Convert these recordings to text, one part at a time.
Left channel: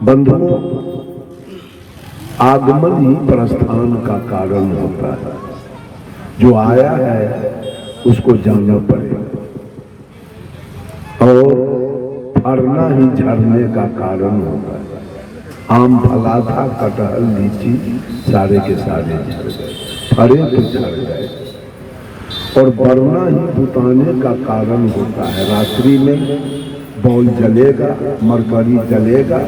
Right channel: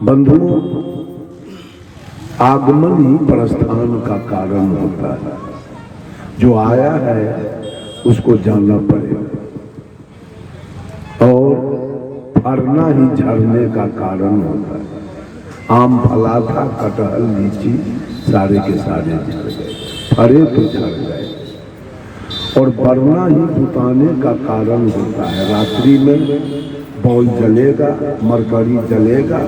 बंधुओं, आगमन ही प्रस्थान का कारण होता है। जो आया है उसको जाना पड़ेगा और फरना ही झरने का कारण होता है। आम फला था, कटहल लीची सारे के सारे झड़ गए, फरे तो झड़ गए। और बरना ही बुताने का कारण होता है। रात्रि में बॉल जलेगा, मरकरी जलेगा,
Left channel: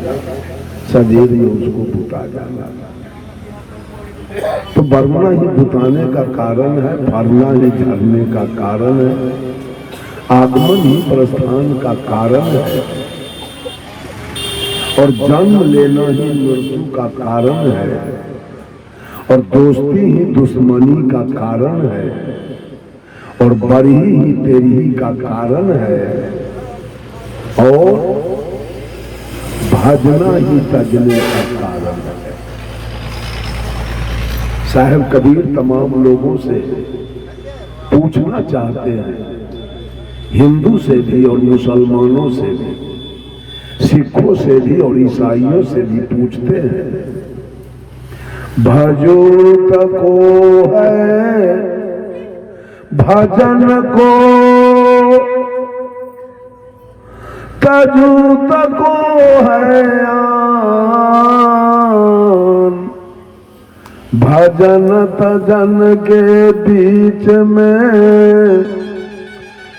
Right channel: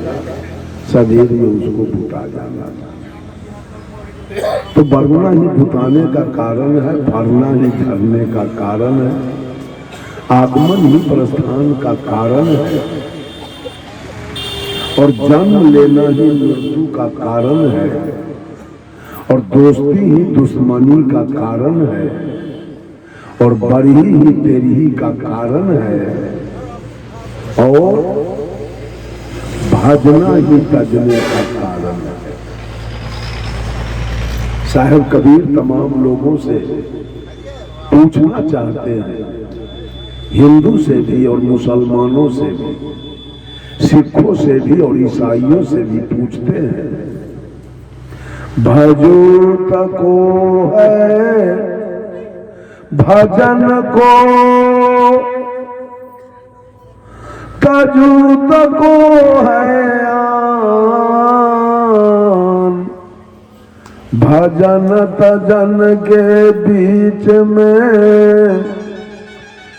सवेरे में उसको बुता जाना। तो बरना ही बुताने का कारण है, फरना ही झरने का कारण है, आगमन ही प्रस्थान का कारण है और जन्म लेना ही मृत्यु का कारण है और दोस्ती ही दुश्मनी का कारण है और बरी ही तेरी ही का कारण है और भाजना ही तजने का कारण है। साहब कबीर तमाम लोगों से पूछना चाहते हैं, हिंदू से भी और मुसलमानों से भी, सिखों से भी और ईसाइयों से भी पूछते हैं, भजो तको है भजन को, तजू तको है आन, भजन तजन के बीच में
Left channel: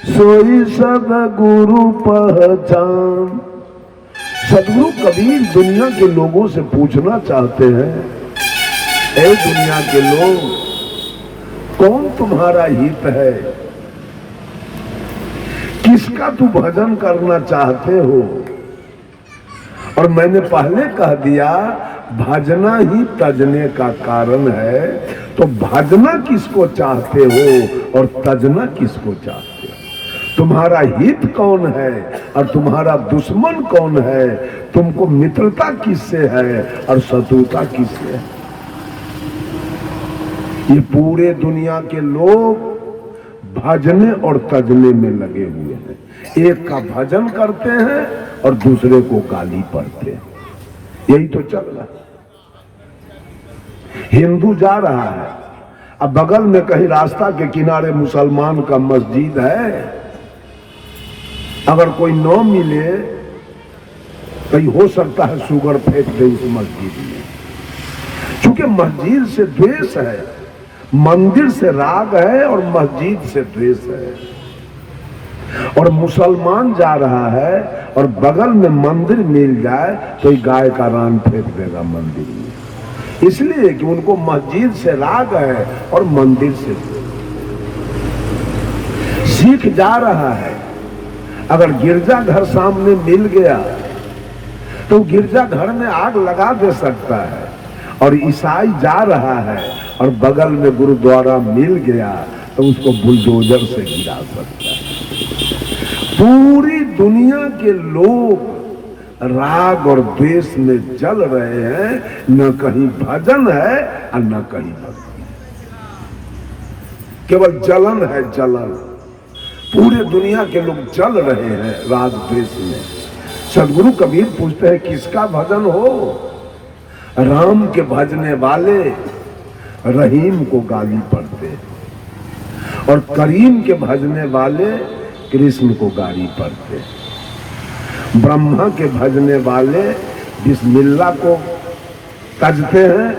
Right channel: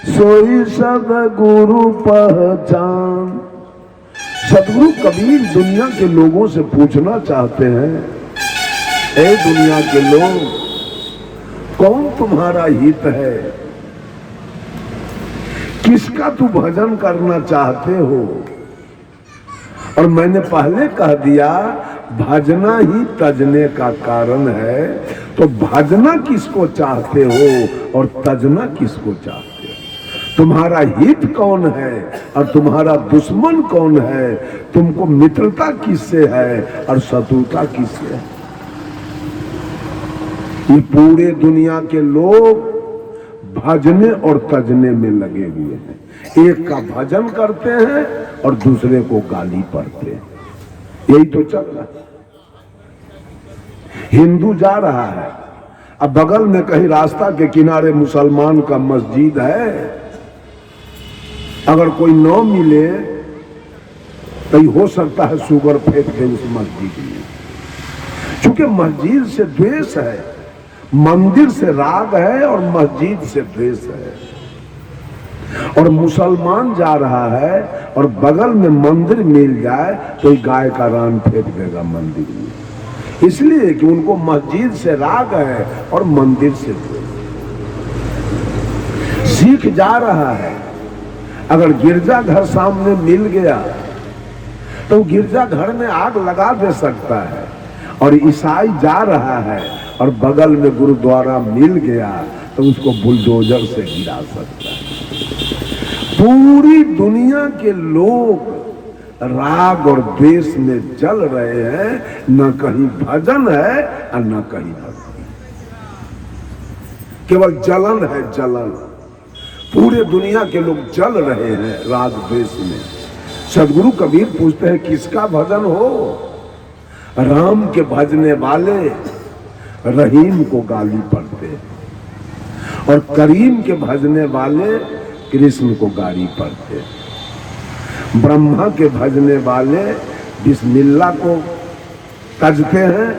सोई सदगुरु पहचान। सदगुरु कबीर दुनिया के लोगों से पूछना चाहते हैं, ऐ दुनिया के लोग, कौन तुम्हारा हित है? किसका तू भजन करना चाहते हो? और मैंने पहले कह दिया, भजना ही तजने का कारण है। तो भजना किसको चाहते हो और तजना किसको चाहते हो? तुम्हारा हित कौन है और तुम्हारा दुश्मन कौन है? तुमको मित्रता किससे है और शत्रुता किससे है? ये पूरे दुनिया के लोग भजने और तजने में लगे हुए हैं। एक का भजन करते हैं और दूसरे को गाली पढ़ते हैं। यही तो चल रहा है। हिंदू जा रहा है, अब बगल में कहीं रास्ता के किनारे मुसलमान का मस्जिद है, अगर कोई न मिले तो हो सकता है शुगर फेंक दे उस मस्जिद में। चूंकि मस्जिद से द्वेष है, मंदिर से राग है और मस्जिद से द्वेष है। और मुसलमान जा रहा है और बगल में मंदिर मिल जाए तो गाय का रान फेंक देगा मंदिर में, इसलिए कि उनको मस्जिद से राग है और मंदिर से द्वेष। सिख जा रहा है, अगर गिरजा घर सामने मिल गया तो गिरजा घर में आग लगा दे सकता है। और ईसाई जा रहा है और बगल में गुरुद्वारा मिल गया तो उसको बुलडोजर से गिरा सकता है। पूरी दुनिया के लोग राग और द्वेष में जल रहे हैं, न कहीं भजन है और न कहीं भक्ति, केवल जलन है, जलन। पूरे दुनिया के लोग जल रहे हैं राग द्वेष में। सदगुरु कबीर पूछते हैं, किसका भजन हो? राम के भजने वाले रहीम को गाली पढ़ते हैं और करीम के भजने वाले कृष्ण को गाली पढ़ते हैं। ब्रह्मा के भजने वाले बिस्मिल्लाह को तजते हैं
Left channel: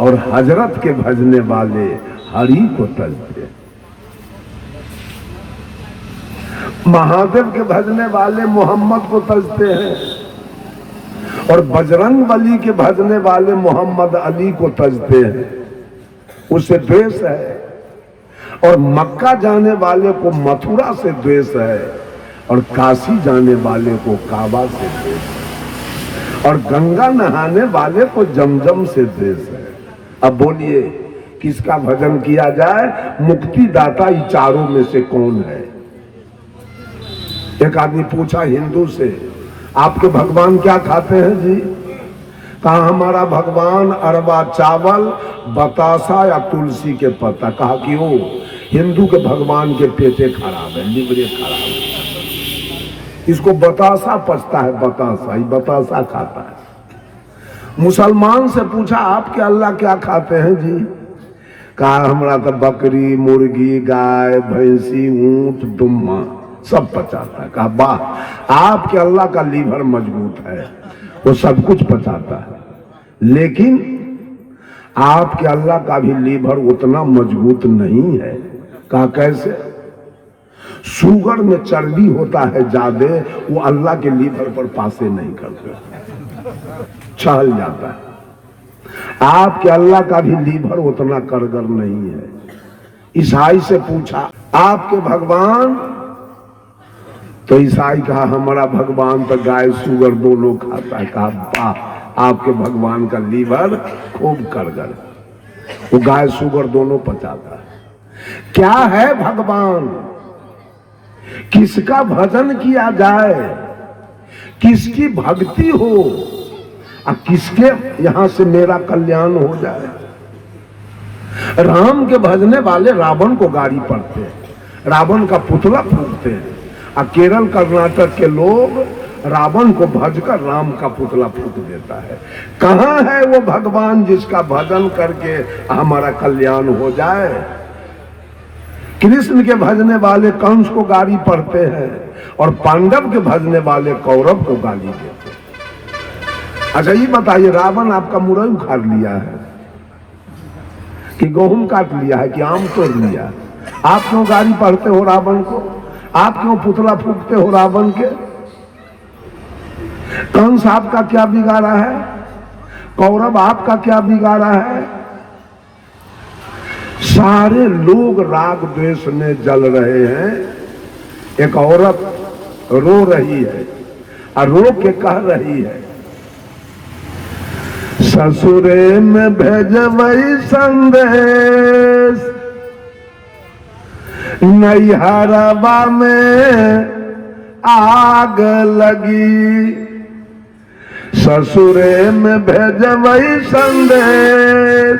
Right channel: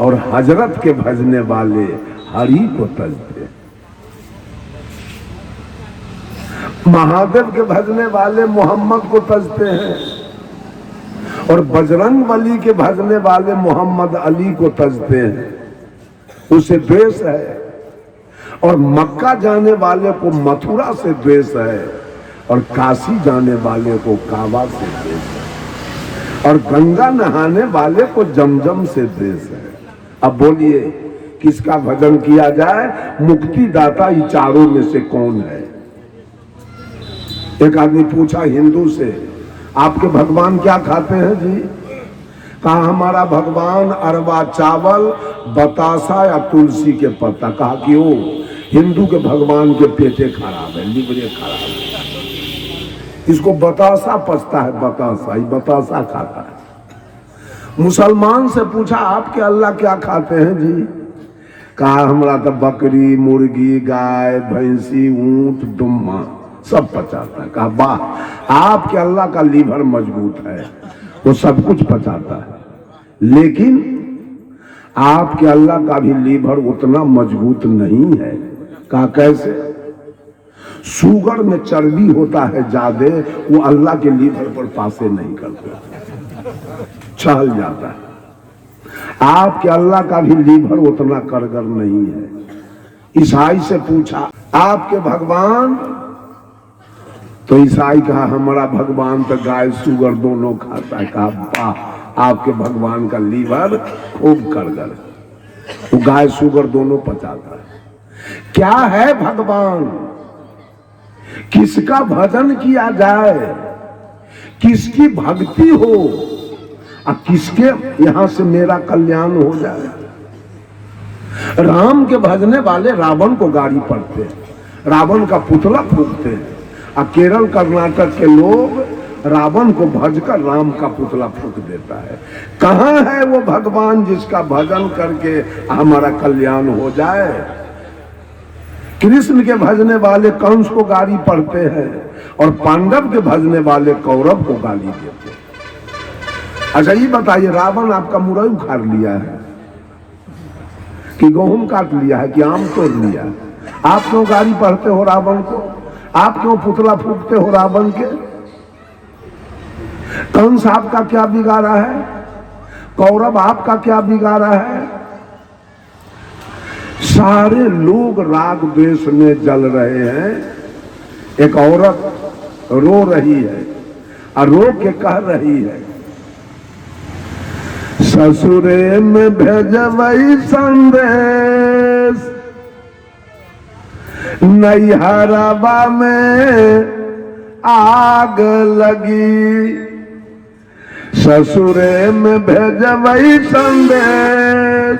और हजरत के भजने वाले हरि को तजते हैं। महादेव के भजने वाले मोहम्मद को तजते हैं और बजरंग बली के भजने वाले मोहम्मद अली को तजते हैं, उसे द्वेष है। और मक्का जाने वाले को मथुरा से द्वेष है और काशी जाने वाले को काबा से द्वेष है और गंगा नहाने वाले को जमजम से द्वेष है। अब बोलिए, किसका भजन किया जाए? मुक्तिदाता ये चारों में से कौन है? एक आदमी पूछा हिंदू से, आपके भगवान क्या खाते हैं जी? कहा, हमारा भगवान अरवा चावल, बतासा या तुलसी के पत्ता। कहा कि वो हिंदू के भगवान के पेटे खराब है, लिवरे खराब है, इसको बतासा पचता है, बतासा, ये बतासा खाता है। मुसलमान से पूछा आपके अल्लाह क्या खाते हैं जी? कहा हमरा तो बकरी, मुर्गी, गाय, भैंसी, ऊंट, दुम्मा सब पचाता है। कहा वाह, आपके अल्लाह का लीवर मजबूत है, वो सब कुछ पचाता है, लेकिन आपके अल्लाह का भी लीवर उतना मजबूत नहीं है। कहा कैसे? शुगर में चर्बी होता है ज्यादा, वो अल्लाह के लीवर पर पासे नहीं करता, चल जाता है। आपके अल्लाह का भी लीवर उतना करगर नहीं है। ईसाई से पूछा आपके भगवान? तो ईसाई कहा हमारा भगवान तो गाय शुगर दोनों खाता है। कहा वाह, आपके भगवान का लीवर खूब करगर है, वो गाय शुगर दोनों पचाता है। क्या है भगवान? किसका भजन किया जाए, किसकी भक्ति हो और किसके यहां से मेरा कल्याण हो जाए। राम के भजने वाले रावण को गाड़ी पड़ते हैं, रावण का पुतला फूकते हैं, और केरल कर्नाटक के लोग रावण को भजकर राम का पुतला फूक देता है। कहां है वो भगवान जिसका भजन करके हमारा कल्याण हो जाए? कृष्ण के भजने वाले कंस को गाली पढ़ते हैं और पांडव के भजने वाले कौरव को गाली देते हैं। अच्छा ये बताइए, रावण आपका मुरई उखाड़ लिया है कि गेहूं काट लिया है कि आम तोड़ लिया? आप क्यों गाली पढ़ते हो रावण को? आप क्यों पुतला फूकते हो रावण के? कंस आपका क्या बिगाड़ा है? कौरव आपका क्या बिगाड़ा है? सारे लोग राग द्वेष में जल रहे हैं। एक औरत रो रही है और रो के कह रही है, ससुरे में भेजवई संदेश, नैहरवा में आग लगी। ससुरे में भेजवई संदेश,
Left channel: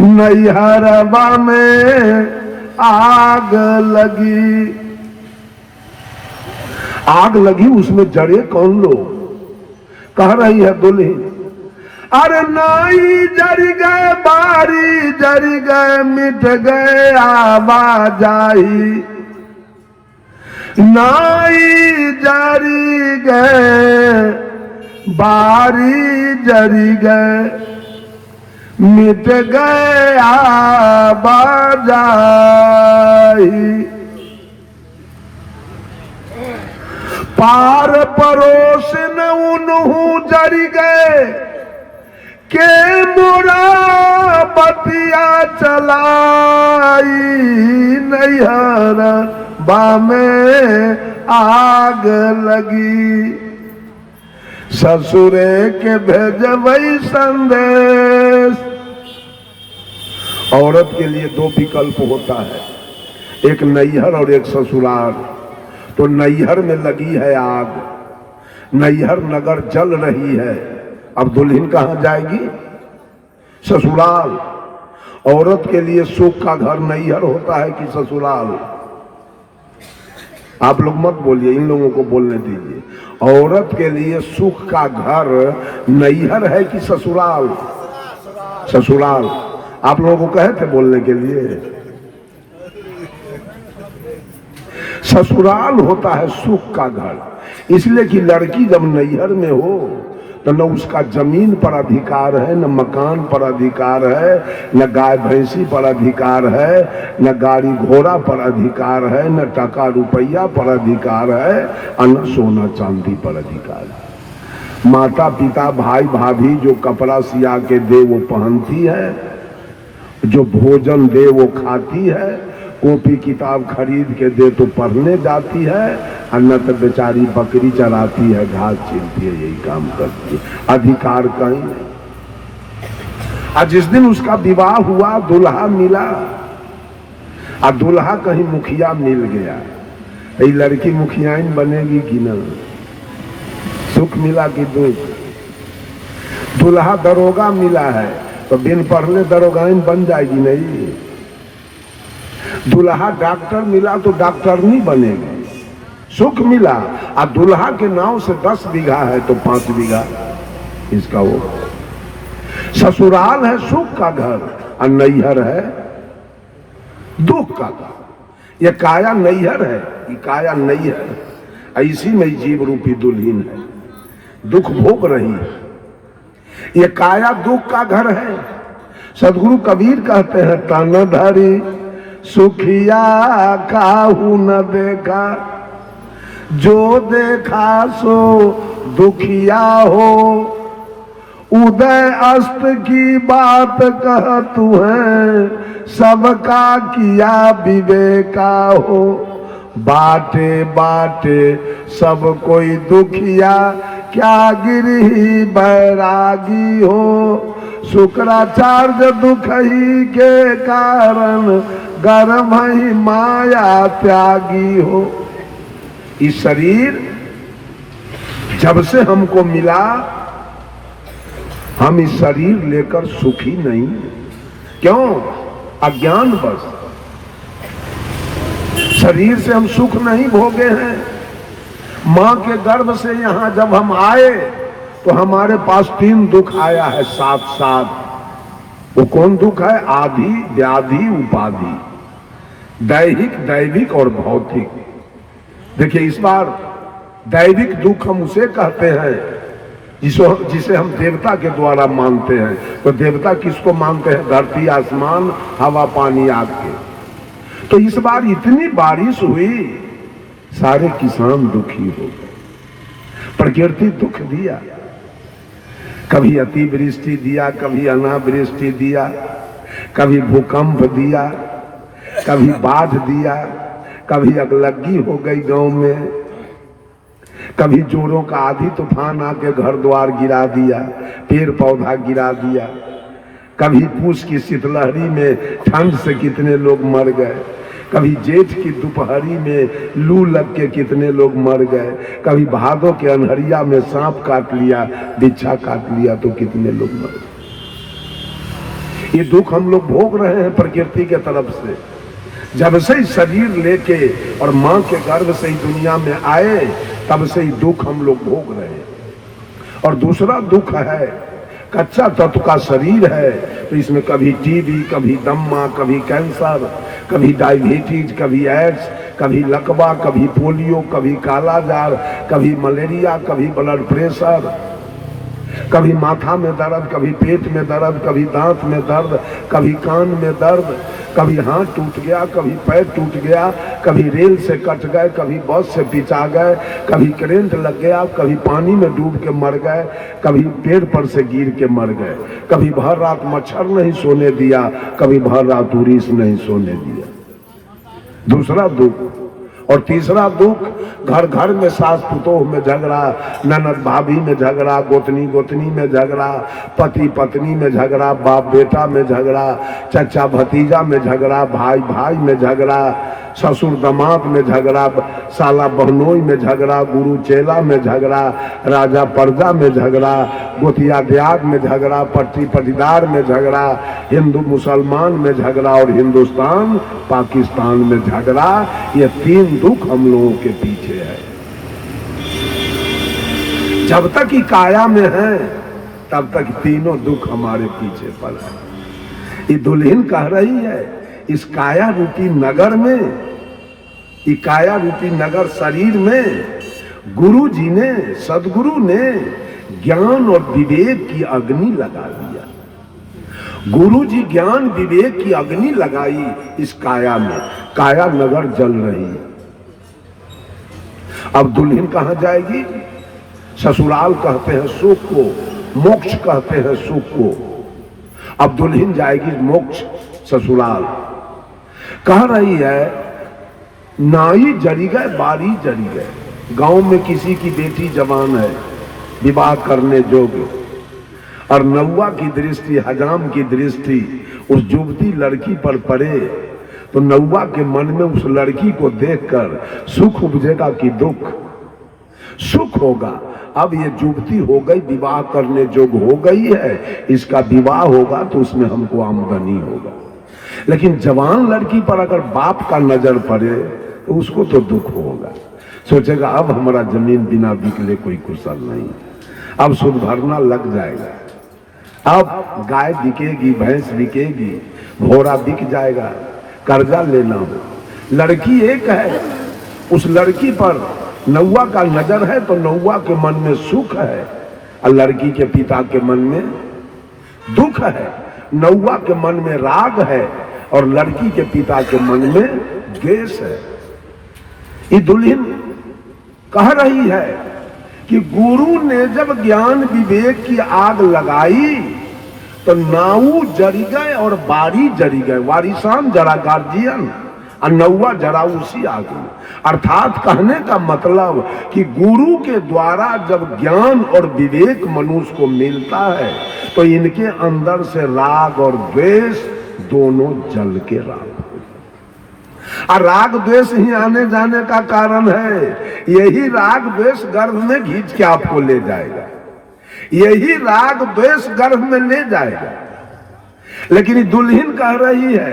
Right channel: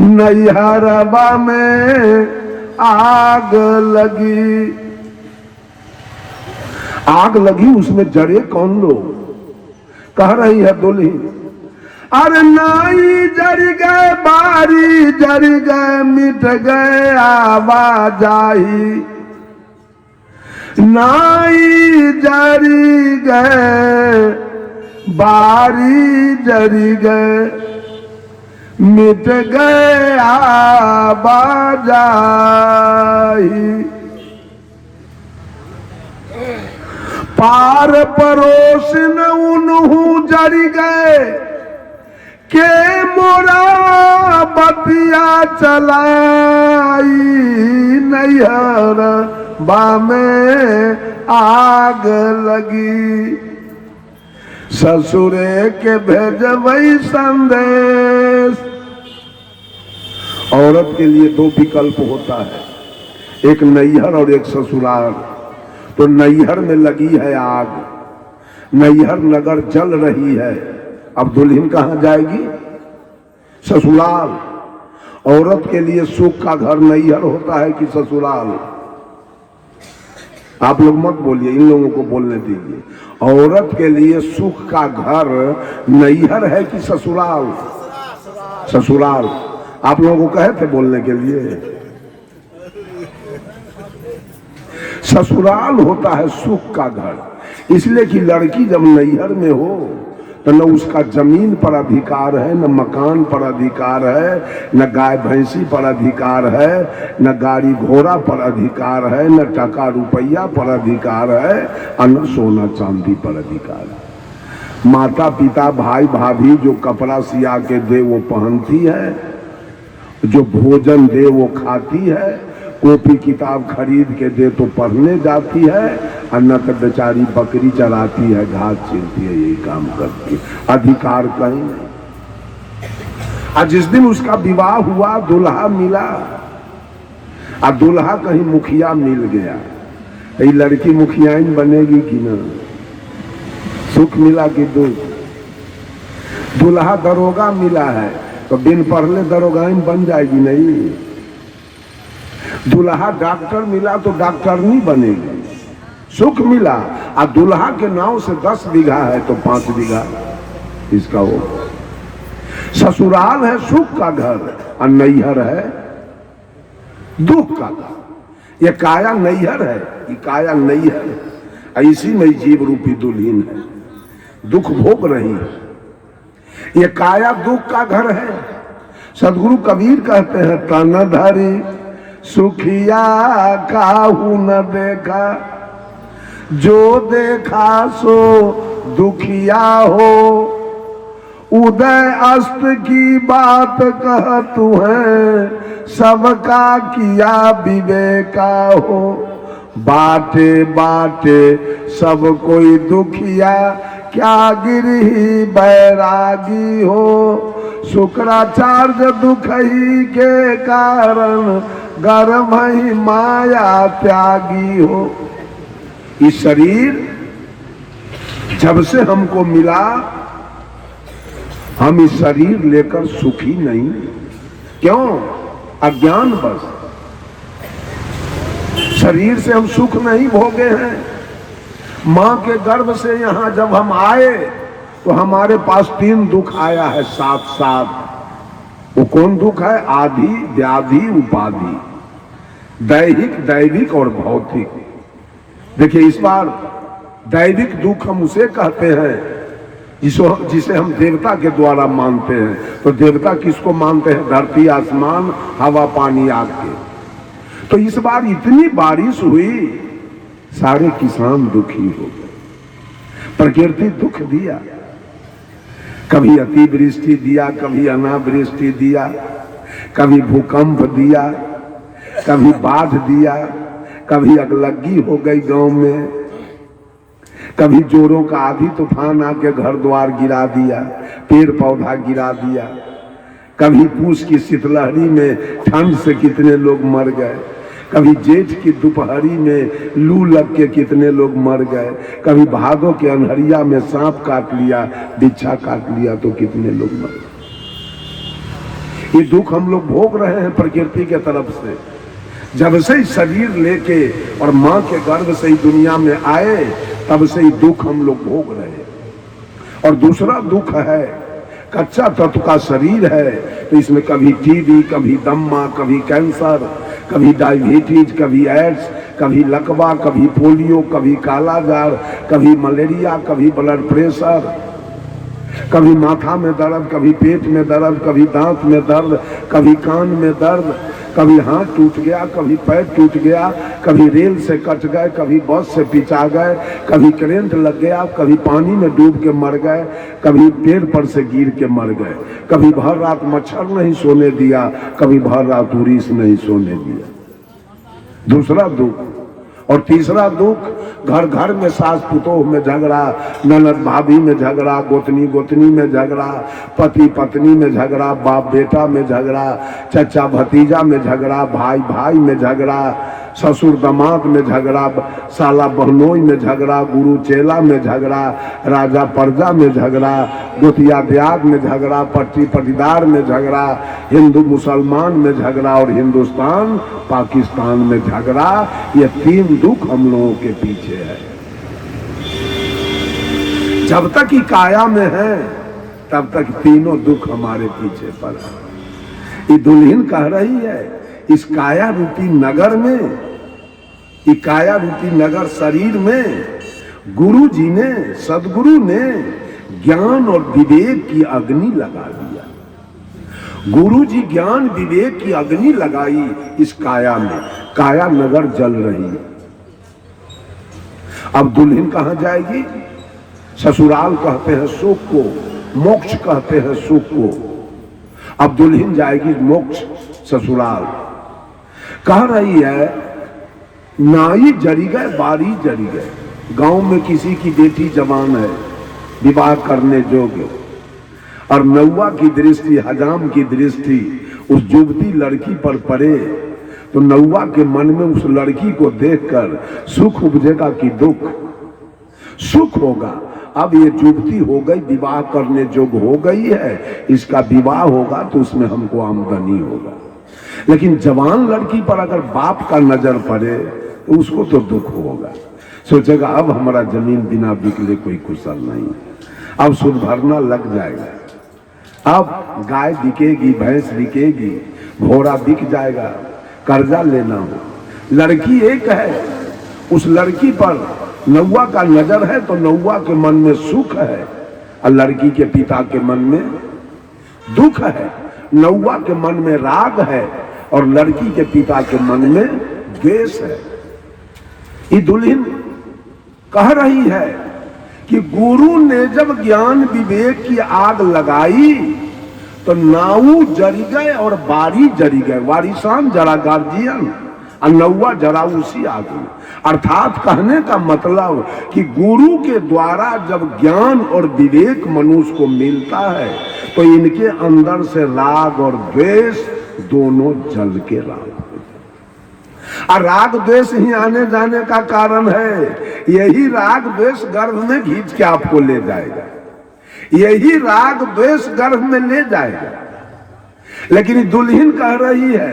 नैहरवा में आग लगी। आग लगी, उसमें जड़े कौन लोग? कह रही है दुल्हन, अरे नाई जर गए, बारी जर गए, मिट गए आवाजाही। नाई जरी गए, बारी जरी गए, मिट गए आवाजाही। पार परोस न उन्हू जर गए, के मोरा बतिया चलाई। नैहर बामे आग लगी, ससुरे के भेजवई संदेश। औरत के लिए दो विकल्प होता है, एक नैहर और एक ससुराल। तो नैहर में लगी है आग, नैहर नगर जल रही है, अब दुल्हन कहां जाएगी? ससुराल। औरत के लिए सुख का घर नैहर होता है कि ससुराल? आप लोग मत बोलिए, इन लोगों को बोलने दीजिए। औरत के लिए सुख का घर नैहर है कि ससुराल? ससुराल। आप लोगों को कहे थे बोलने के लिए। ससुराल होता है सुख का घर, इसलिए कि लड़की जब नैहर में हो तो न उसका जमीन पर अधिकार है, न मकान पर अधिकार है, न गाय भैंसी पर अधिकार है, न गाड़ी घोड़ा पर अधिकार है, न टका रुपया पर अधिकार है, और न सोना चांदी पर अधिकार है। माता पिता भाई भाभी जो कपड़ा सिया के दे वो पहनती है, जो भोजन दे वो खाती है, कॉपी किताब खरीद के दे तो पढ़ने जाती है, और न तो बेचारी बकरी चराती है, घास छीलती है, यही काम करती है। अधिकार कहीं नहीं। और जिस दिन उसका विवाह हुआ, दुल्हा मिला, और दुल्हा कहीं मुखिया मिल गया, ये लड़की मुखियाइन बनेगी कि न? सुख मिला कि दुख? दुल्हा दरोगा मिला है तो बिन पढ़ले दरोगाइन बन जाएगी नहीं। दुल्हा डॉक्टर मिला तो डॉक्टरनी बनेगी। सुख मिला और दुल्हा के नाव से 10 बीघा है तो 5 बीघा, इसका वो ससुराल है सुख का घर और नैहर है दुख का घर। ये काया नैहर है, ये काया नैहर, इसी में जीव रूपी दुल्हीन है, दुख भोग रही है। ये काया दुख का घर है। सदगुरु कबीर कहते हैं तन धरी सुखिया काहू न देखा, जो देखा सो दुखिया हो, उदय अस्त की बात कह तू है, सबका किया विवेका हो, बाटे बाटे सब कोई दुखिया, क्या गिरही बैरागी हो, शुक्राचार्य दुख ही के कारण गर्भ ही माया त्यागी हो। इस शरीर जब से हमको मिला, हम इस शरीर लेकर सुखी नहीं। क्यों? अज्ञान बस। शरीर से हम सुख नहीं भोगे हैं। मां के गर्भ से यहां जब हम आए तो हमारे पास 3 दुख आया है साथ साथ। वो कौन दुख है? आदि, व्याधि, उपाधि, दैहिक, दैविक और भौतिक। देखिए इस बार दैविक दुख हम उसे कहते हैं जिसे हम देवता के द्वारा मानते हैं। तो देवता किसको मानते हैं? धरती, आसमान, हवा, पानी, आग के। तो इस बार इतनी बारिश हुई, सारे किसान दुखी हो गए। प्रकृति दुख दिया, कभी अतिवृष्टि दिया, कभी अनावृष्टि दिया, कभी भूकंप दिया, कभी बाढ़ दिया, कभी अगलग्गी हो गई गांव में, कभी जोरों का आधी तूफान आके घर द्वार गिरा दिया, पेड़ पौधा गिरा दिया, कभी पूस की शीतलहरी में ठंड से कितने लोग मर गए, कभी जेठ की दोपहरी में लू लग के कितने लोग मर गए, कभी भादों के अनहरिया में सांप काट लिया, बिच्छा काट लिया तो कितने लोग मर गए। ये दुख हम लोग भोग रहे हैं प्रकृति के तरफ से। जब से ही शरीर लेके और मां के गर्भ से ही दुनिया में आए, तब से ही दुख हम लोग भोग रहे हैं। और दूसरा दुख है, कच्चा तत्व का शरीर है, तो इसमें कभी टीबी, कभी दम्मा, कभी कैंसर, कभी डायबिटीज, कभी एड्स, कभी लकवा, कभी पोलियो, कभी कालाजार, कभी मलेरिया, कभी ब्लड प्रेशर, कभी माथा में दर्द, कभी पेट में दर्द, कभी दांत में दर्द, कभी कान में दर्द, कभी हाथ टूट गया, कभी पैर टूट गया, कभी रेल से कट गए, कभी बस से पिचा गए, कभी करंट लग गया, कभी पानी में डूब के मर गए, कभी पेड़ पर से गिर के मर गए, कभी भर रात मच्छर नहीं सोने दिया, कभी भर रात उरीस नहीं सोने दिया। दूसरा दुख। और तीसरा दुख, घर घर में सास पुतोह में झगड़ा, ननद भाभी में झगड़ा, गोतनी गोतनी में झगड़ा, पति पत्नी में झगड़ा, बाप बेटा में झगड़ा, चचा भतीजा में झगड़ा, भाई भाई में झगड़ा, ससुर दामाद में झगड़ा, साला बहनोई में झगड़ा, गुरु चेला में झगड़ा, राजा प्रजा में झगड़ा, गोतिया दियाद में झगड़ा, पट्टी पटीदार में झगड़ा, हिंदू मुसलमान में झगड़ा और हिंदुस्तान पाकिस्तान में झगड़ा। ये 3 दुख हम लोगों के पीछे है। जब तक ही काया में है, तब तक तीनों दुख हमारे पीछे पर है। ये दुल्हन कह रही है, इस काया रूपी नगर में, ये काया रूपी नगर शरीर में गुरु जी ने, सदगुरु ने ज्ञान और विवेक की अग्नि लगा दिया। गुरु जी ज्ञान विवेक की अग्नि लगाई इस काया में, काया नगर जल रही है। अब दुल्हन कहां जाएगी? ससुराल कहते हैं सुख को, मोक्ष कहते हैं सुख को। अब दुल्हन जाएगी मोक्ष, ससुराल। कह रही है, नाई जरी गए बारी जरी गए। गांव में किसी की बेटी जवान है, विवाह करने योग्य, और नौवा की दृष्टि, हजाम की दृष्टि उस युवती लड़की पर पड़े, तो नौवा के मन में उस लड़की को देखकर सुख उपजेगा कि दुख? सुख होगा। अब ये युवती हो गई, विवाह करने योग्य हो गई है, इसका विवाह होगा तो उसमें हमको आमदनी होगा। लेकिन जवान लड़की पर अगर बाप का नजर पड़े तो उसको तो दुख होगा। सोचेगा अब हमारा जमीन बिना बिकले कोई कुशल नहीं, अब सुध भरना लग जाएगा। अब गाय बिकेगी, भैंस बिकेगी, घोड़ा बिक जाएगा, कर्जा लेना हो। लड़की एक है, उस लड़की पर नौवा का नजर है तो नौवा के मन में सुख है और लड़की के पिता के मन में दुख है। नौवा के मन में राग है और लड़की के पिता के मन में द्वेष है। ये दुल्हन कह रही है कि गुरु ने जब ज्ञान विवेक की आग लगाई तो नाऊ जरी गए और बारी जरी गए। वारिसान जरा गार्जियन और नौवा जरा उसी आग। अर्थात कहने का मतलब कि गुरु के द्वारा जब ज्ञान और विवेक मनुष्य को मिलता है तो इनके अंदर से राग और द्वेष दोनों जल के राग। और राग द्वेष ही आने जाने का कारण है। यही राग द्वेष गर्भ में खींच के आपको ले जाएगा, यही राग द्वेष गर्भ में ले जाएगा। लेकिन दुल्हन कह रही है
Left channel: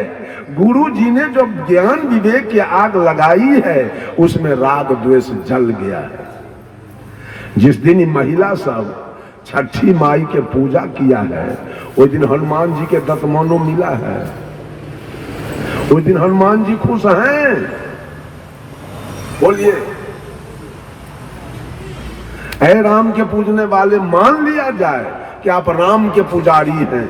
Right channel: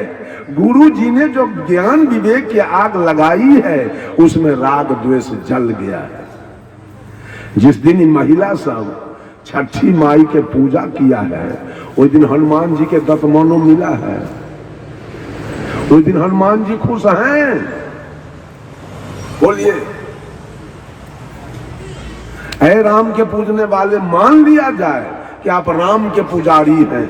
गुरु जी ने जो ज्ञान विवेक की आग लगाई है उसमें राग द्वेष जल गया है। जिस दिन महिला सब छठी माई के पूजा किया है उस दिन हनुमान जी के दतमनो मिला है। उस दिन हनुमान जी खुश हैं। बोलिए, ऐ राम के पूजने वाले, मान लिया जाए कि आप राम के पुजारी हैं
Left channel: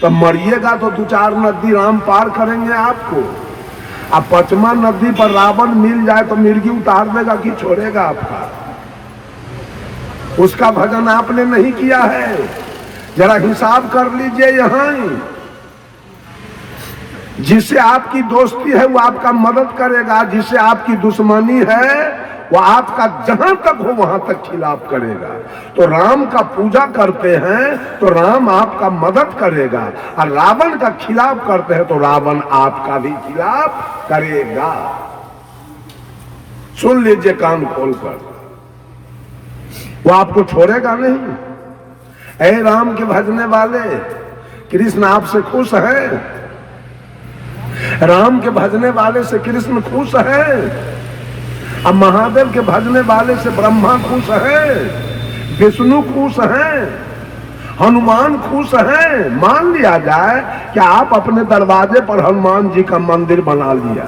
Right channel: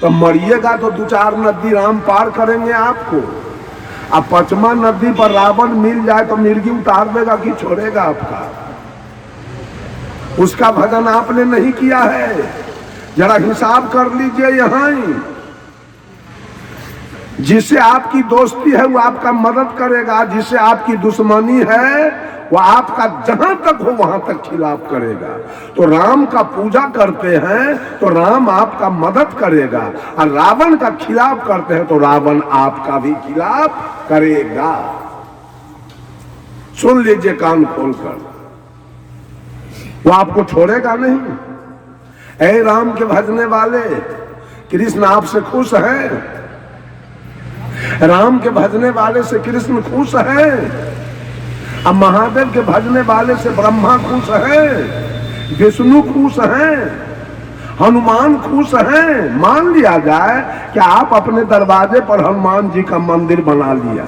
तो मरिएगा तो 2-4 नदी राम पार करेंगे आपको। अब 5वां नदी पर रावण मिल जाए तो मिर्गी उतार देगा कि छोड़ेगा आपका। उसका भजन आपने नहीं किया है, जरा हिसाब कर लीजिए। यहां जिससे आपकी दोस्ती है वो आपका मदद करेगा, जिससे आपकी दुश्मनी है वो आपका जहां तक हो वहां तक खिलाफ करेगा। तो राम का पूजा करते हैं तो राम आपका मदद करेगा, और रावण का खिलाफ करते हैं तो रावण आपका भी खिलाफ करेगा। सुन लीजिए कान खोलकर, वो आपको छोड़ेगा नहीं। ऐ राम के भजने वाले, कृष्ण आपसे खुश है। राम के भजने वाले से कृष्ण खुश है। अब महादेव के भजने वाले से ब्रह्मा खुश है, विष्णु खुश है, हनुमान खुश है। मान लिया जाए कि आप अपने दरवाजे पर हनुमान जी का मंदिर बना लिया,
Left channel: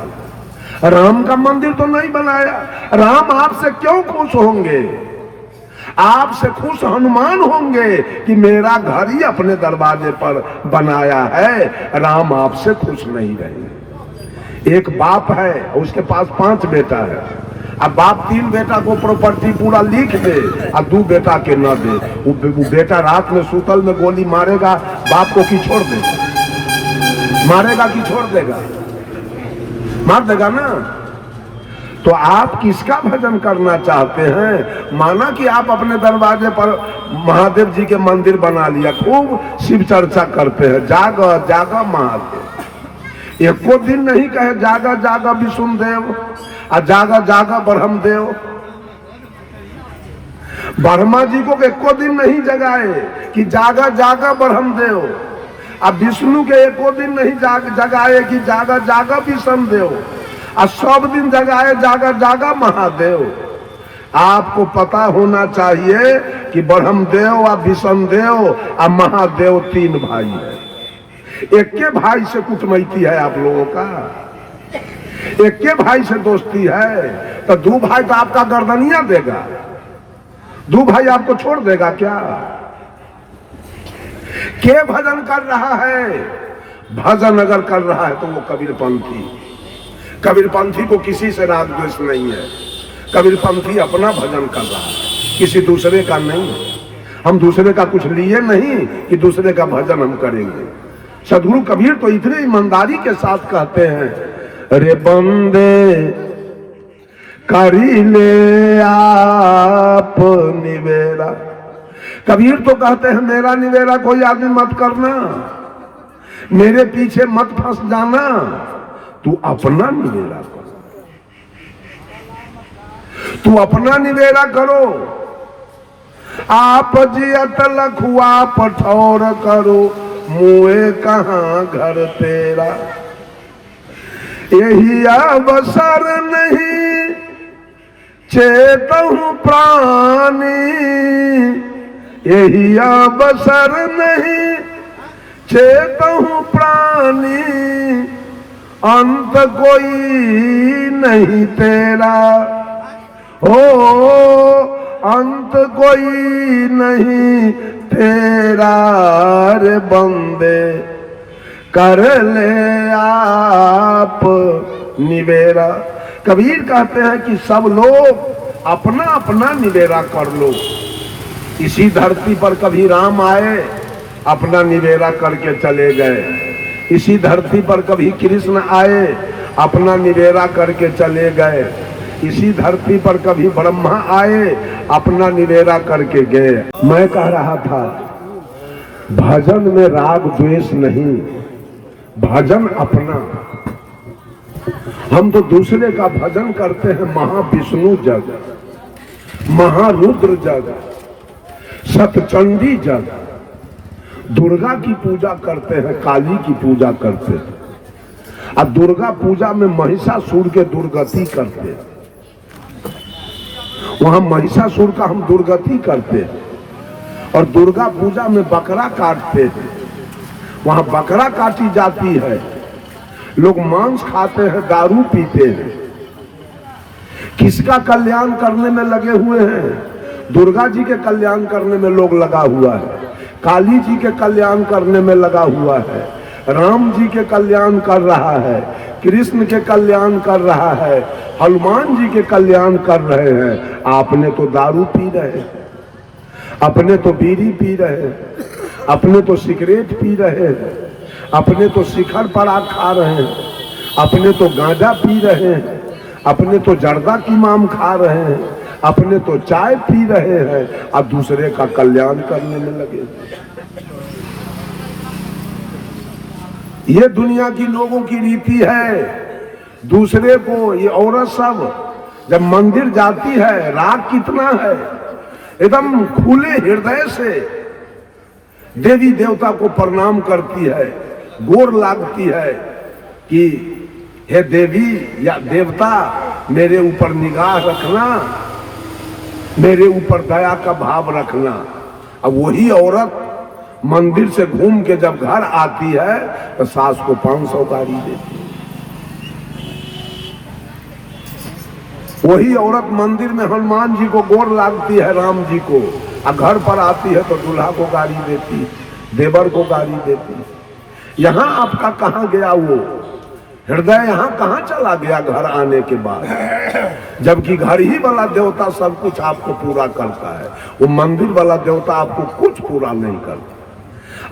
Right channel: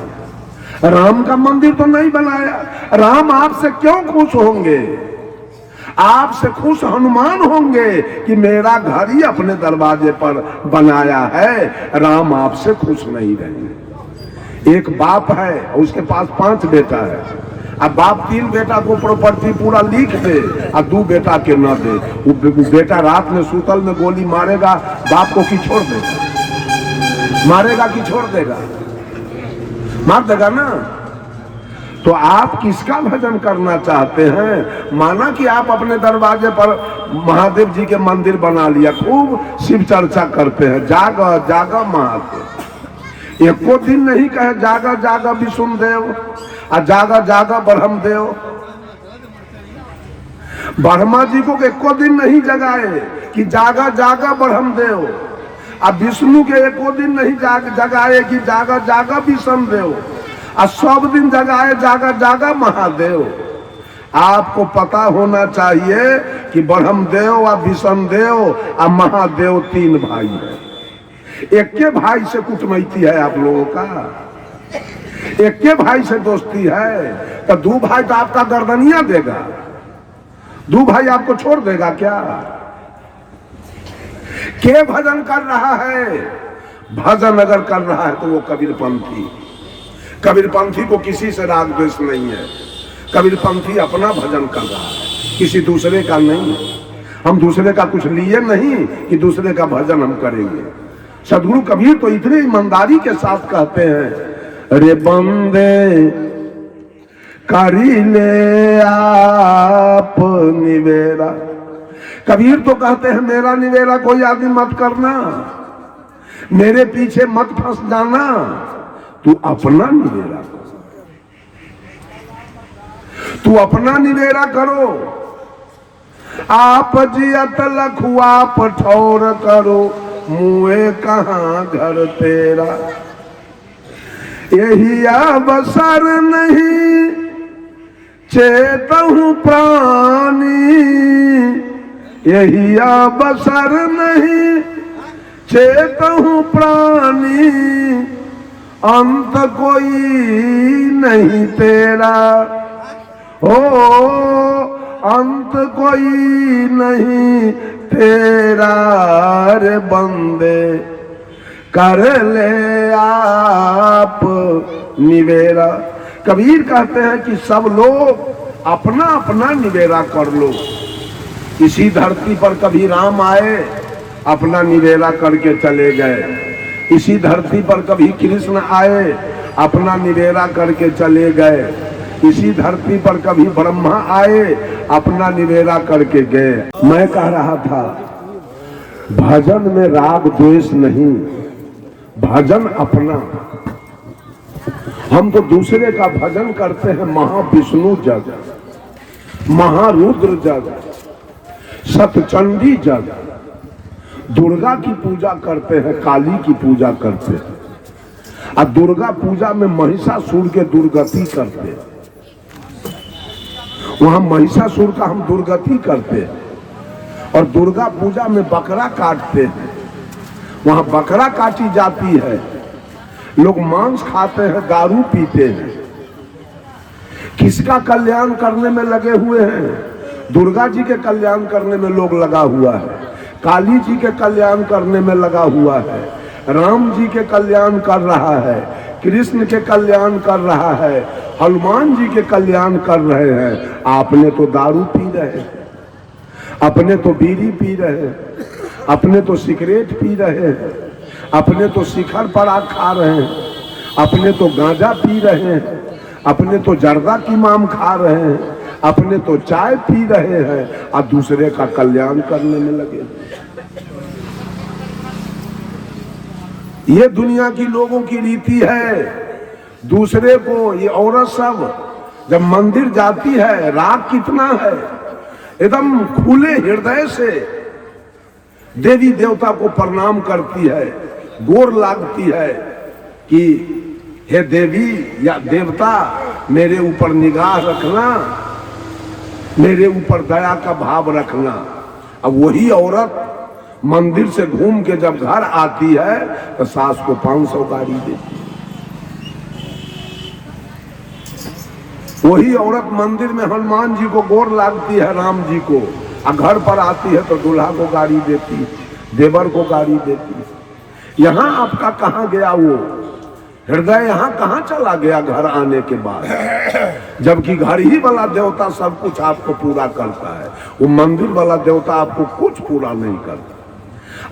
राम का मंदिर तो नहीं बनाया। राम आपसे क्यों खुश होंगे? आपसे खुश हनुमान होंगे कि मेरा घर ही अपने दरवाजे पर बनाया है। राम आपसे खुश नहीं रहेंगे। एक बाप है उसके पास 5 बेटा है। अब बाप 3 बेटा को प्रॉपर्टी पूरा लिख दे और 2 बेटा के न दे। वो बेटा रात में सूतल में गोली मारेगा बाप को कि छोड़ देगा? मारेगा कि छोड़ देगा? मार देगा ना। तो आप किसका भजन करना चाहते हैं? माना कि आप अपने दरवाजे पर महादेव जी के मंदिर बना लिया, खूब शिव चर्चा करते हैं, जागा जागा महादेव। एको दिन नहीं कहे जागा जागा विष्णुदेव और जागा जागा ब्रह्मदेव। ब्रह्मा जी को एको दिन नहीं जगाए कि जागा जागा ब्रह्मदेव, अब विष्णु के एको दिन नहीं जगाए कि जागा जागा विष्णुदेव, और सब दिन जगाए जागा जागा महादेव। आपको पता होना चाहिए कि ब्रह्मदेव और विष्णुदेव और महादेव 3 भाई है। एक के भाई से कुटमैती है आप लोगों का, एक के भाई से दोस्ती है। तो 2 भाई तो आपका गर्दनिया देगा, 2 भाई आपको छोड़ देगा क्या? के भजन कर रहा है? भजन अगर कर रहा है तो वो कबीरपंथी। कबीरपंथी को किसी से राग द्वेष नहीं है। कबीरपंथी अपना भजन कर रहा है, किसी दूसरे का नहीं। हम दूसरे का कुछ लिए नहीं कि दूसरे का भजन हम करेंगे। सदगुरु कबीर तो इतने ईमानदारी के साथ कहते हैं, अरे बंदे करी ले आप निवेरा। कबीर तो कहते हैं मेरा निवेरा कोई आदमी मत करना, मेरे पीछे मत फंस जाना, तू अपना निवेरा करो, तू अपना निवेरा करो। आप जियत लखुआ पठौर करो, मुए कहाँ घर तेरा। यही अवसर नहीं चेतहु प्राणी, यही अवसर नहीं चेतहु प्राणी, अंत कोई नहीं तेरा, हो अंत कोई नहीं तेरा, रे बंदे कर ले आप निवेरा। कबीर कहते हैं कि सब लोग अपना अपना निवेरा कर लो। इसी धरती पर कभी राम आए, अपना निवेरा करके चले गए। इसी धरती पर कभी कृष्ण आए, अपना निवेरा करके चले गए। इसी धरती पर कभी ब्रह्मा आए, अपना निवेरा करके गए। मैं कह रहा था भजन में राग द्वेष नहीं, भजन अपना। हम तो दूसरे का भजन करते हैं, महाविष्णु जग, महारुद्र जग, सतचंडी जग, दुर्गा की पूजा करते हैं, काली की पूजा करते हैं। और दुर्गा पूजा में महिषासुर के दुर्गति करते हैं। वहां महिषासुर का हम दुर्गति करते हैं। और दुर्गा पूजा में बकरा काटते हैं, वहां बकरा काटी जाती है। लोग मांस खाते हैं, दारू पीते हैं। किसका कल्याण करने में लगे हुए हैं? दुर्गा जी के कल्याण करने में लोग लगा हुआ है, काली जी के कल्याण करने में लगा हुआ है, राम जी के कल्याण कर रहा है, कृष्ण के कल्याण कर रहा है, हनुमान जी के कल्याण कर रहे हैं। आपने तो दारू पी रहे हैं, अपने तो बीड़ी पी रहे हैं, अपने तो सिगरेट पी रहे हैं, अपने तो शिखर पराग खा रहे हैं, अपने तो गांजा पी रहे हैं, अपने तो जर्दा की माम खा रहे हैं, अपने तो चाय पी रहे हैं, और दूसरे का कल्याण करने में लगे। ये दुनिया की लोगों की रीति है। दूसरे को, ये औरत सब जब मंदिर जाती है, राग कितना है, एकदम खुले हृदय से देवी देवता को प्रणाम करती है, गोर लागती है कि हे देवी या देवता मेरे ऊपर निगाह रखना, मेरे ऊपर दया का भाव रखना। अब वही औरत मंदिर से घूम के जब घर आती है तो सास को 500 गाड़ी देती है। वही औरत मंदिर में हनुमान जी को गोर लागती है, राम जी को, और घर पर आती है तो दूल्हा को गाड़ी देती है, देवर को गाड़ी देती है। यहाँ आपका कहाँ गया वो हृदय? यहाँ कहाँ चला गया घर आने के बाद? जबकि घर ही वाला देवता सब कुछ आपको पूरा करता है, वो मंदिर वाला देवता आपको कुछ पूरा नहीं करता।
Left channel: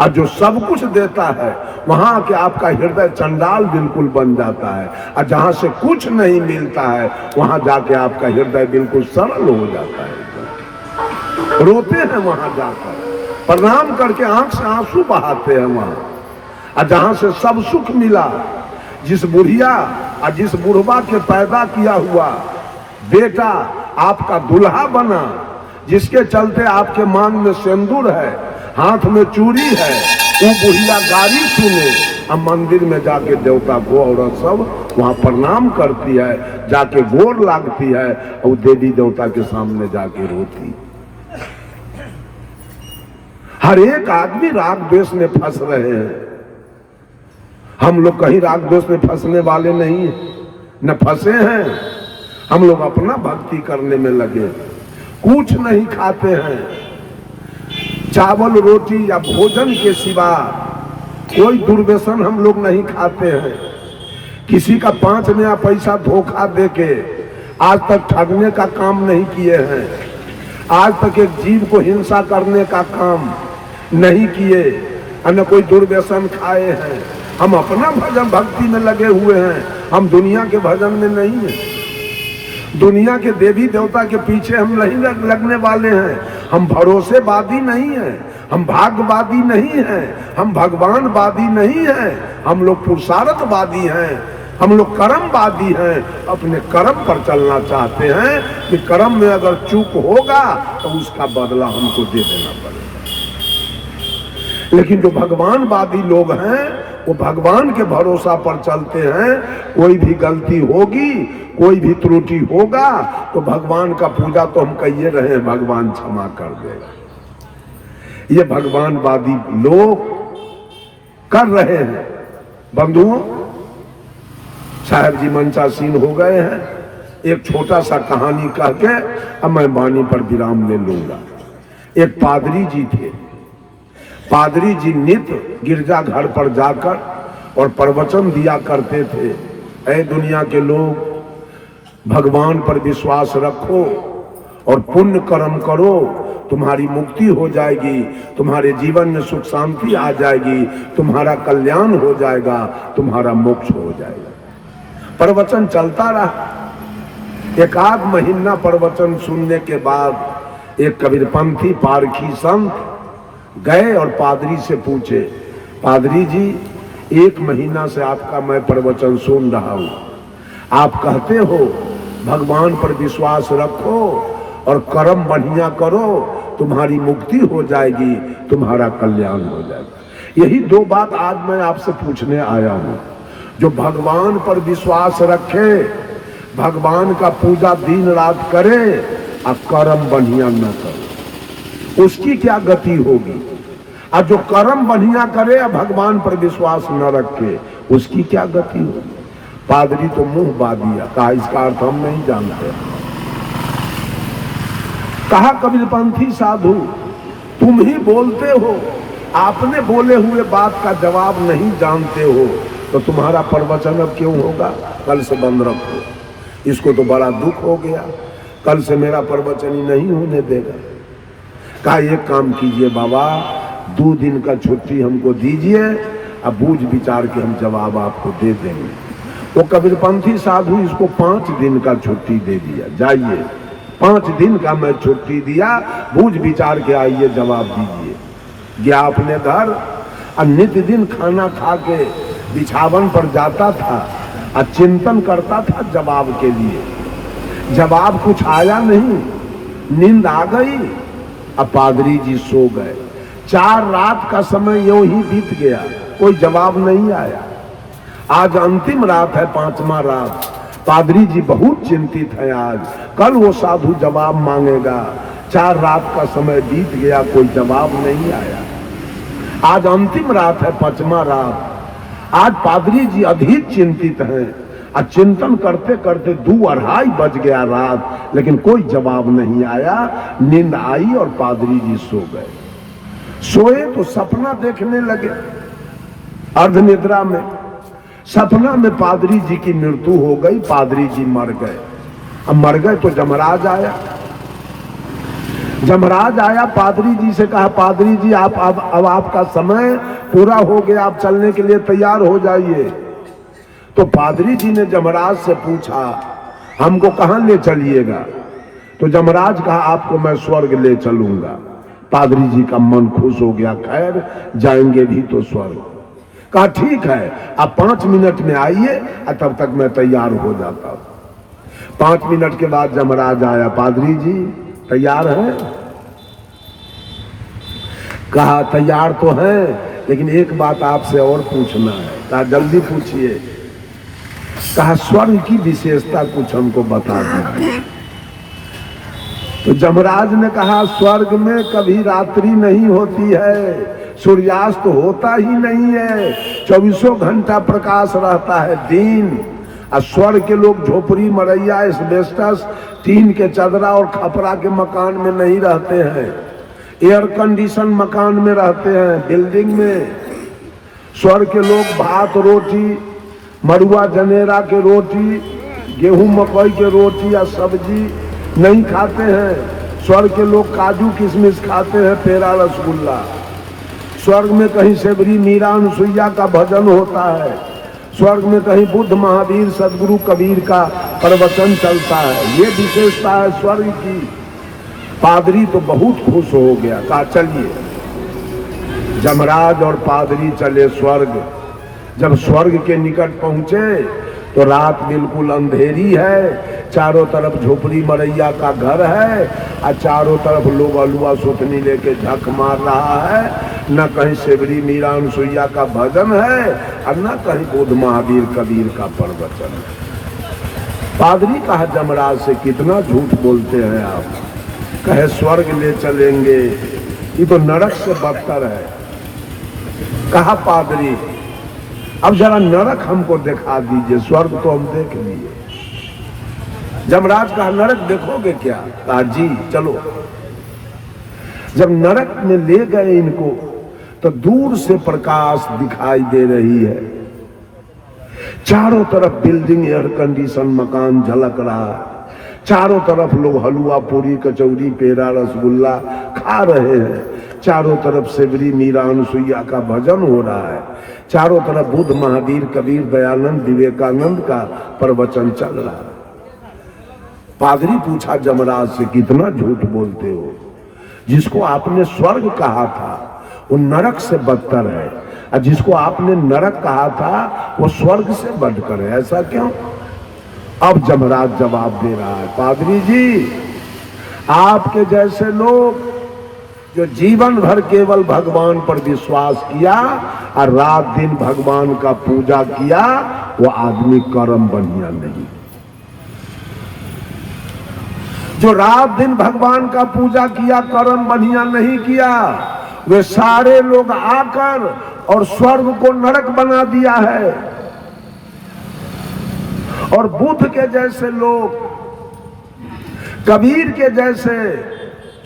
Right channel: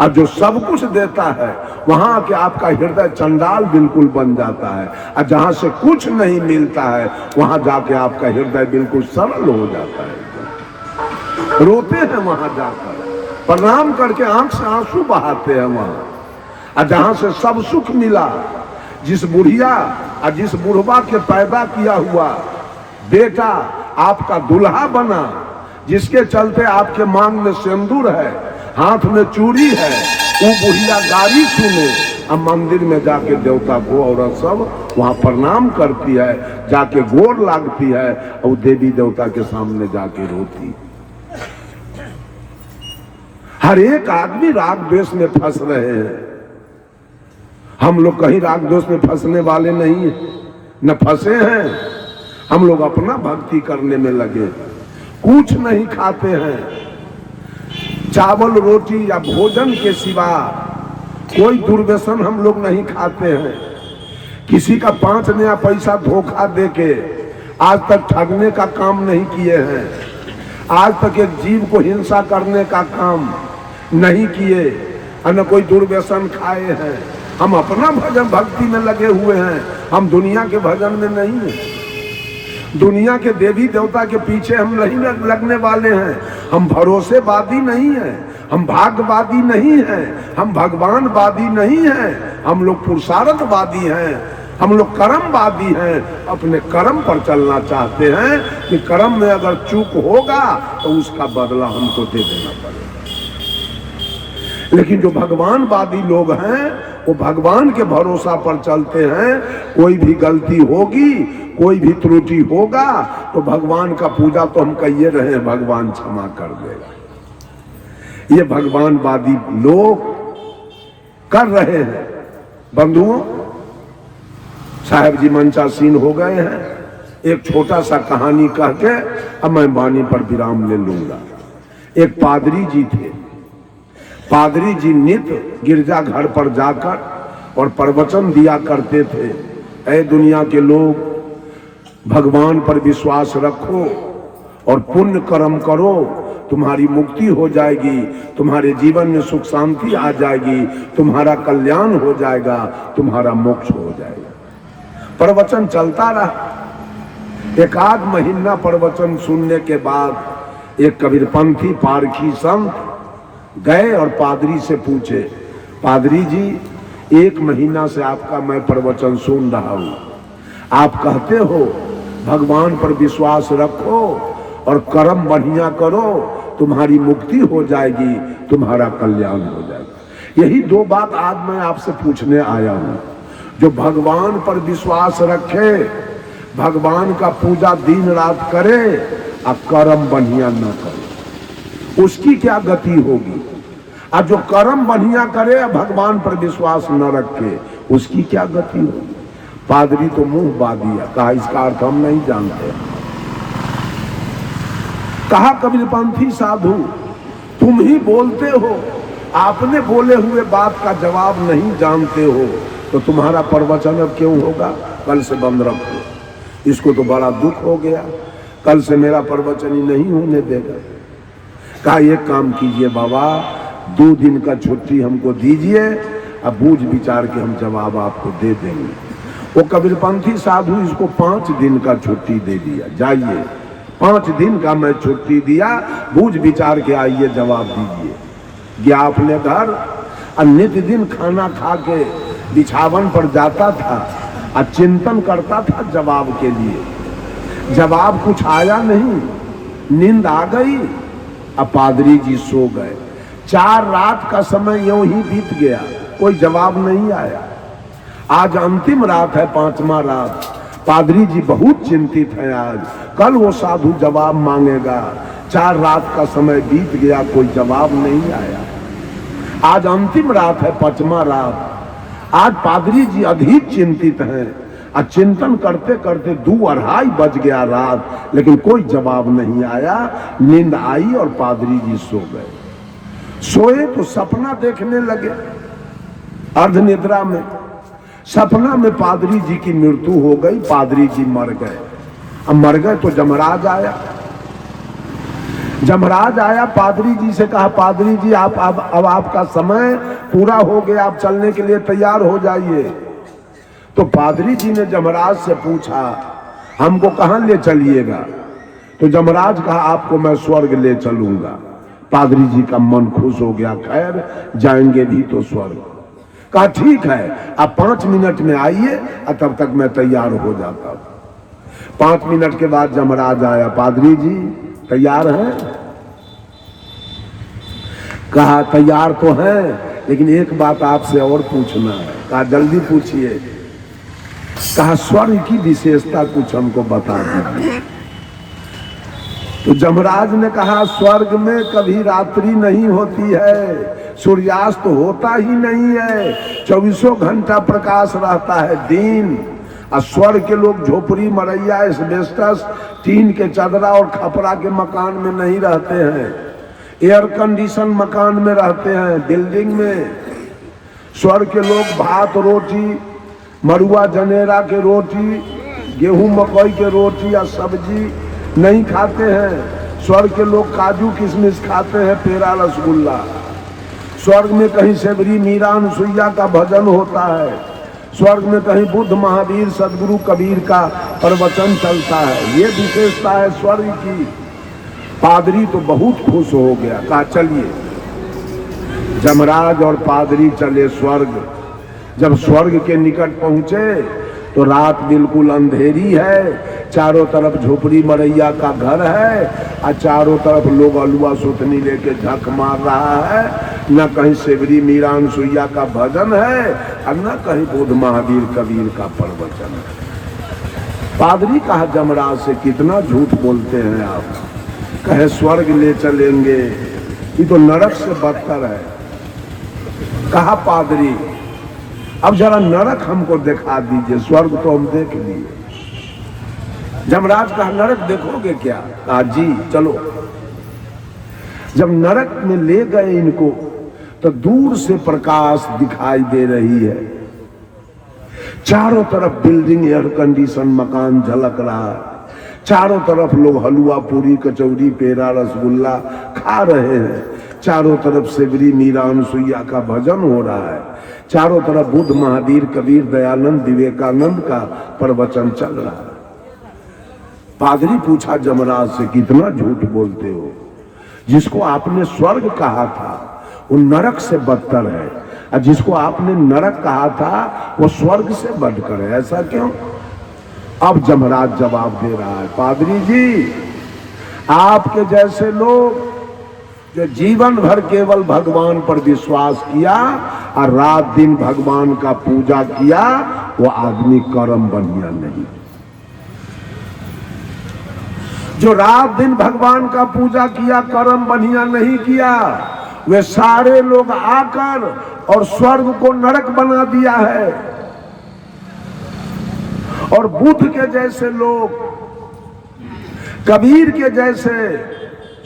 और जो सब कुछ देता है वहां के आपका हृदय चंडाल बिल्कुल बन जाता है, और जहां से कुछ नहीं मिलता है वहां जाके आपका हृदय बिल्कुल सरल हो जाता है। रोते हैं वहां जाकर, प्रणाम करके आंख से आंसू बहाते हैं वहां। और जहां से सब सुख मिला, जिस बुढ़िया और जिस बुढ़वा के पैदा किया हुआ बेटा आपका दुल्हा बना, जिसके चलते आपके मांग में सिंदूर है, हाथ में चूड़ी है, वो बुढ़िया गाड़ी सुने, अब मंदिर में जाके देवता को औरत सब वहां प्रणाम करती है, जाके गोर लागती है, और देवी देवता के सामने जाके रोती। हर एक आदमी राग द्वेष में फंस रहे हैं। हम लोग कहीं राग द्वेष में फंसने वाले नहीं है, न फंसे हैं। हम लोग अपना भक्ति करने में लगे, कुछ नहीं खाते हैं। चावल रोटी या भोजन के सिवा कोई दुर्व्यसन हम लोग नहीं खाते हैं। किसी का 5 नया पैसा धोखा देके आज तक ठगने का काम नहीं किए हैं। आज तक एक जीव को हिंसा करने का काम नहीं किए, न कोई दुर्व्यसन खाए हैं। हम अपना भजन भक्ति में लगे हुए हैं, हम दुनिया के भजन में नहीं है। दुनिया के देवी देवता के पीछे हम नहीं लगने वाले हैं। हम भरोसेवादी नहीं हैं, हम भाग्यवादी नहीं हैं, हम भगवानवादी नहीं हैं। हम लोग पुरुषार्थवादी हैं, हम लोग कर्मवादी हैं। अपने कर्म पर चलना चाहते हैं कि कर्म में अगर चूक होगा तो उसका बदला हमको दे देना पड़ेगा। लेकिन जो भगवानवादी लोग हैं वो भगवान के भरोसा पर चलते हैं। कोई भी गलती होगी, कोई भी त्रुटि होगा तो भगवान का पूजा तो हम कहिए रहे, भगवान क्षमा कर देगा। ये भगवानवादी लोग कर रहे हैं। बंधुओं, साहब जी मंचासीन हो गए हैं। एक छोटा सा कहानी कह के अब मैं वाणी पर विराम ले लूंगा। एक पादरी जी थे। पादरी जी नित्य गिरजा घर पर जाकर और प्रवचन दिया करते थे, ऐ दुनिया के लोग, भगवान पर विश्वास रखो और पुण्य कर्म करो, तुम्हारी मुक्ति हो जाएगी, तुम्हारे जीवन में सुख शांति आ जाएगी, तुम्हारा कल्याण हो जाएगा, तुम्हारा मोक्ष हो जाएगा। प्रवचन चलता रहा। एक आध महीना प्रवचन सुनने के बाद एक कबीरपंथी पारखी संत गए और पादरी से पूछे, पादरी जी, 1 महीना से आपका मैं प्रवचन सुन रहा हूं, आप कहते हो भगवान पर विश्वास रखो और कर्म बढ़िया करो, तुम्हारी मुक्ति हो जाएगी, तुम्हारा कल्याण हो जाएगा। यही 2 बात आज मैं आपसे पूछने आया हूं। जो भगवान पर विश्वास रखे, भगवान का पूजा दिन रात करे और कर्म बढ़िया न करे, उसकी क्या गति होगी? और जो कर्म बढ़िया करे और भगवान पर विश्वास न रखे, उसकी क्या गति होगी? पादरी तो मुंह बा दिया, कहा इसका अर्थ हम नहीं जानते। कहा कबीरपंथी साधु, तुम ही बोलते हो, आपने बोले हुए बात का जवाब नहीं जानते हो, तो तुम्हारा प्रवचन अब क्यों होगा? कल से बंद रखो। इसको तो बड़ा दुख हो गया, कल से मेरा प्रवचन ही नहीं होने देगा। कहा एक काम कीजिए बाबा, 2 दिन का छुट्टी हमको दीजिए, अब बूझ विचार के हम जवाब आपको दे देंगे। वो कबीरपंथी साधु इसको 5 दिन का छुट्टी दे दिया, जाइए 5 दिन का मैं छुट्टी दिया, बूझ विचार के आइए जवाब दीजिए। गया अपने घर, और नित्य दिन खाना खा के बिछावन पर जाता था और चिंतन करता था जवाब के लिए। जवाब कुछ आया नहीं, नींद आ गई, अब पादरी जी सो गए। 4 रात का समय यूं ही बीत गया, कोई जवाब नहीं आया। आज अंतिम रात है, 5वां रात। पादरी जी बहुत चिंतित है, आज कल वो साधु जवाब मांगेगा। 4 रात का समय बीत गया, कोई जवाब नहीं आया। आज अंतिम रात है, 5वां रात। आज पादरी जी अधिक चिंतित हैं और चिंतन करते करते 2-2:30 बज गया रात, लेकिन कोई जवाब नहीं आया। नींद आई और पादरी जी सो गए। सोए तो सपना देखने लगे, अर्ध निद्रा में। सपना में पादरी जी की मृत्यु हो गई, पादरी जी मर गए। अब मर गए तो जमराज आया। जमराज आया, पादरी जी से कहा, पादरी जी आप अब आपका समय पूरा हो गया, आप चलने के लिए तैयार हो जाइए। तो पादरी जी ने जमराज से पूछा, हमको कहां ले चलिएगा? तो जमराज कहा, आपको मैं स्वर्ग ले चलूंगा। पादरी जी का मन खुश हो गया, खैर जाएंगे भी तो स्वर्ग। कहा ठीक है, आप 5 मिनट में आइए, तब तक मैं तैयार हो जाता हूं। 5 मिनट के बाद जमराज आया, पादरी जी तैयार हैं? कहा तैयार तो है, लेकिन एक बात आपसे और पूछना है। कहा जल्दी पूछिए। कहा स्वर्ग की विशेषता कुछ हमको बता दीजिए। तो जमराज ने कहा, स्वर्ग में कभी रात्रि नहीं होती है, सूर्यास्त होता ही नहीं है, 24 घंटा प्रकाश रहता है दिन। और स्वर्ग के लोग झोपड़ी मरैया एस्बेस्टस टीन के चदरा और खपरा के मकान में नहीं रहते हैं, एयर कंडीशन मकान में रहते हैं, बिल्डिंग में। स्वर्ग के लोग भात रोटी, मरुआ जनेरा के रोटी, गेहूं मकई के रोटी या सब्जी नहीं खाते हैं। स्वर्ग के लोग काजू किशमिश खाते हैं, पेड़ा रसगुल्ला। स्वर्ग में कहीं सेवरी मीरा अनुसुईया का भजन होता है। स्वर्ग में कहीं बुद्ध महावीर सदगुरु कबीर का प्रवचन चलता है। ये विशेषता है स्वर्ग की। पादरी तो बहुत खुश हो गया, कहा चलिए। जमराज और पादरी चले स्वर्ग। जब स्वर्ग के निकट पहुंचे तो रात बिल्कुल अंधेरी है, चारों तरफ झोपड़ी मरैया का घर है और चारों तरफ लोग अलुआ सुथनी लेके झक मार रहा है। न कहीं सेवरी मीरा अनुसुईया का भजन है और न कहीं बुद्ध महावीर कबीर का प्रवचन है। पादरी कहा जमराज से, कितना झूठ बोलते हैं आप। कहे स्वर्ग ले चलेंगे, ये तो नरक से बदतर है। कहा पादरी अब जरा नरक हमको दिखा दीजिए, स्वर्ग तो हम देख लिए। जमराज कहा नरक देखोगे क्या? जी चलो। जब नरक में ले गए इनको तो दूर से प्रकाश दिखाई दे रही है, चारों तरफ बिल्डिंग, एयर कंडीशन मकान झलक रहा है, चारों तरफ लोग हलवा पूरी कचौरी पेड़ा रसगुल्ला खा रहे हैं, चारों तरफ सेवरी मीरा अनुसुईया का भजन हो रहा है, चारों तरफ बुद्ध महावीर कबीर दयानंद विवेकानंद का प्रवचन चल रहा है। पादरी पूछा जमराज से कितना झूठ बोलते हो, जिसको आपने स्वर्ग कहा था वो नरक से बदतर है, और जिसको आपने नरक कहा था वो स्वर्ग से बढ़कर है, ऐसा क्यों? अब जमराज जवाब दे रहा है, पादरी जी आपके जैसे लोग जो जीवन भर केवल भगवान पर विश्वास किया और रात दिन भगवान का पूजा किया, वो आदमी कर्म बढ़िया नहीं। जो रात दिन भगवान का पूजा किया कर्म बढ़िया नहीं किया, वे सारे लोग आकर और स्वर्ग को नरक बना दिया है। और बुद्ध के जैसे लोग, कबीर के जैसे,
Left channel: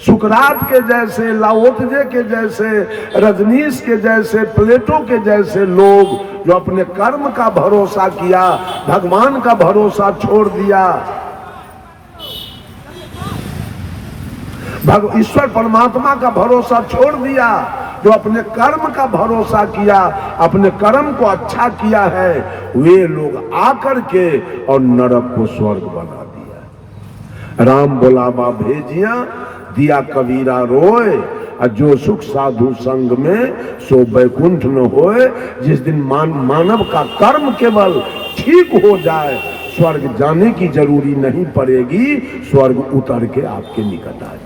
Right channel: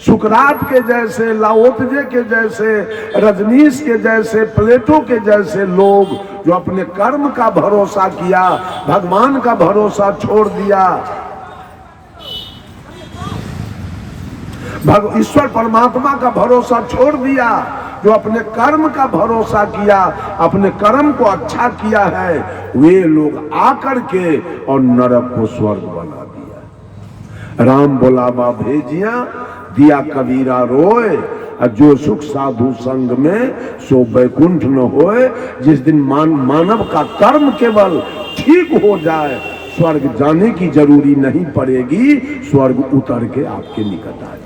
सुकरात के जैसे, लाओत्जे के जैसे, रजनीश के जैसे, प्लेटो के जैसे लोग जो अपने कर्म का भरोसा किया, भगवान का भरोसा छोड़ दिया, ईश्वर परमात्मा का भरोसा छोड़ दिया, जो अपने कर्म का भरोसा किया, अपने कर्म को अच्छा किया है, वे लोग आकर के और नरक को स्वर्ग बना दिया। राम बुलावा भेजिया, दिया कबीरा रोए, और जो सुख साधु संग में सो बैकुंठ न होए। जिस दिन मानव का कर्म केवल ठीक हो जाए, स्वर्ग जाने की जरूरी नहीं पड़ेगी, स्वर्ग उतर के आपके निकट आ जाए।